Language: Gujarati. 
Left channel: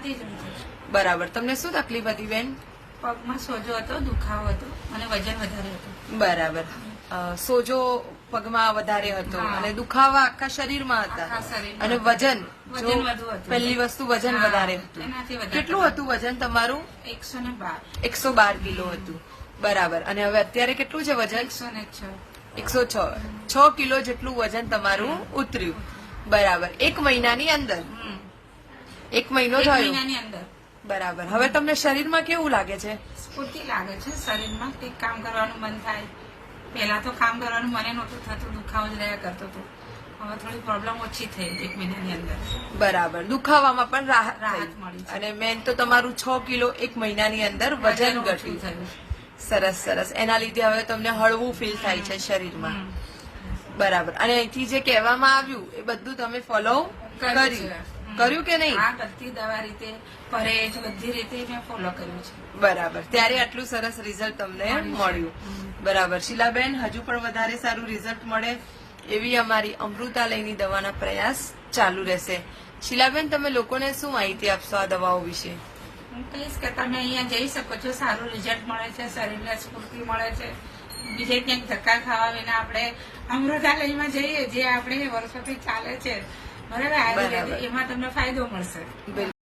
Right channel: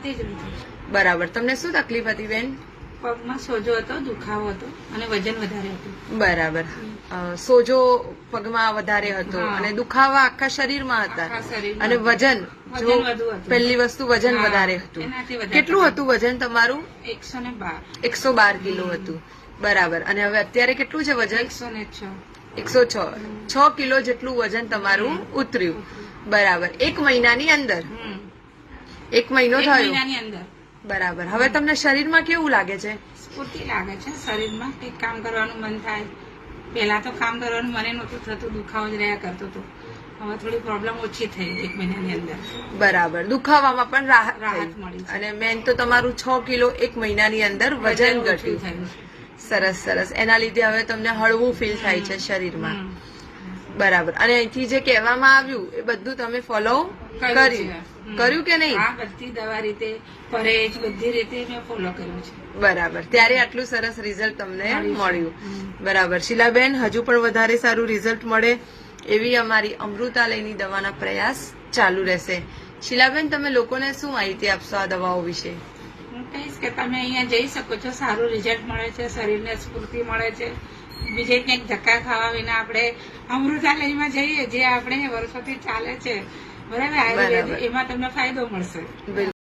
પગમાંથી જ નથી. બરાબર. તમને શું તકલીફ હતી બેન? પગમાં સોજો હતો, દુખાવો હતો અને વજન વધારે હતું. બરાબર. સોજો પગમાં વધારે હતો હા. અને દુખાવા આખા શરીરમાં હતા આખા શરીરમાં અને વજન જો વજન વધુ હતું. પહેલી વસ્તુ વજન હા, વધારે હતું. એનાથી વધારે કેટલું હતું વજન તમારું? 112. 112 કિલો હતું. બરાબર. અને હવે અત્યારે કેટલું છે વજન? 106. 106 કિલો જેટલું વજન તમારું ઉતર્યું. બરાબર. 1 મહિનાની અંદર? 1 મહિનો એક થયો. મહિનાની અંદર બરાબર. હવે તમને શરીરમાં કેવું લાગે છે? સ્ફૂર્તિ લાગે છે શરીરમાં, કંઈક કામ કરવાનું મન થાય. પહેલા તો કામ કરવાનું મને નહોતું થતું, દુખાવો જ રહ્યા કરતો હતો. હવે થોડી પ્રોબ્લેમ ઓછી થઈ 1 મહિનાની અંદર. બરાબર. દુખાવામાં પણ રાહત રાહત થઈ મળી છે. અને મેન તો તમારું 6 કિલો 1 મહિનાની અંદર વજન ઓછું ઘટ્યું. થયું છે. સરસ સરસ. એના લીધે હવે તમને હળવું ફીલ થાય છે શરીરમાં. બરાબર. અને અહીંથી જે કહેવામાં આવ્યું એ બધું તમે ફોલો કર્યું કે નહીં? આ બધી દવા રીતે, પરેજ બધી રીતે મેં ફોલો કર્યું છે. બરાબર. ત્યારે આટલું સરસ રિઝલ્ટ તમને મળ્યું. બરાબર. શીલાબેન, હજુ પણ વધારે સારું રિઝલ્ટ મળે એવી અમારી અમૃતાલયની દવાના પ્રયાસ ચાલુ રહેશે. શીલાબેન, તમે લોકોને શું માહિતી આપશો આ દવાઓ વિશે? હું કહીશ કે તમે અહીંયા જઈ શકો છો, સારું રિઝલ્ટ મળે છે, શરીરને સ્ફૂર્તિ મળે છે. બીજે ક્યાંક ધક્કા ખાવા વિના આપણે અમૃતાલયમાં જઈએ, જે આપણે વર્ષોથી ચાલે છે, બરાબર, આયુર્વેદ, એમાં તમને ફાયદો મળશે.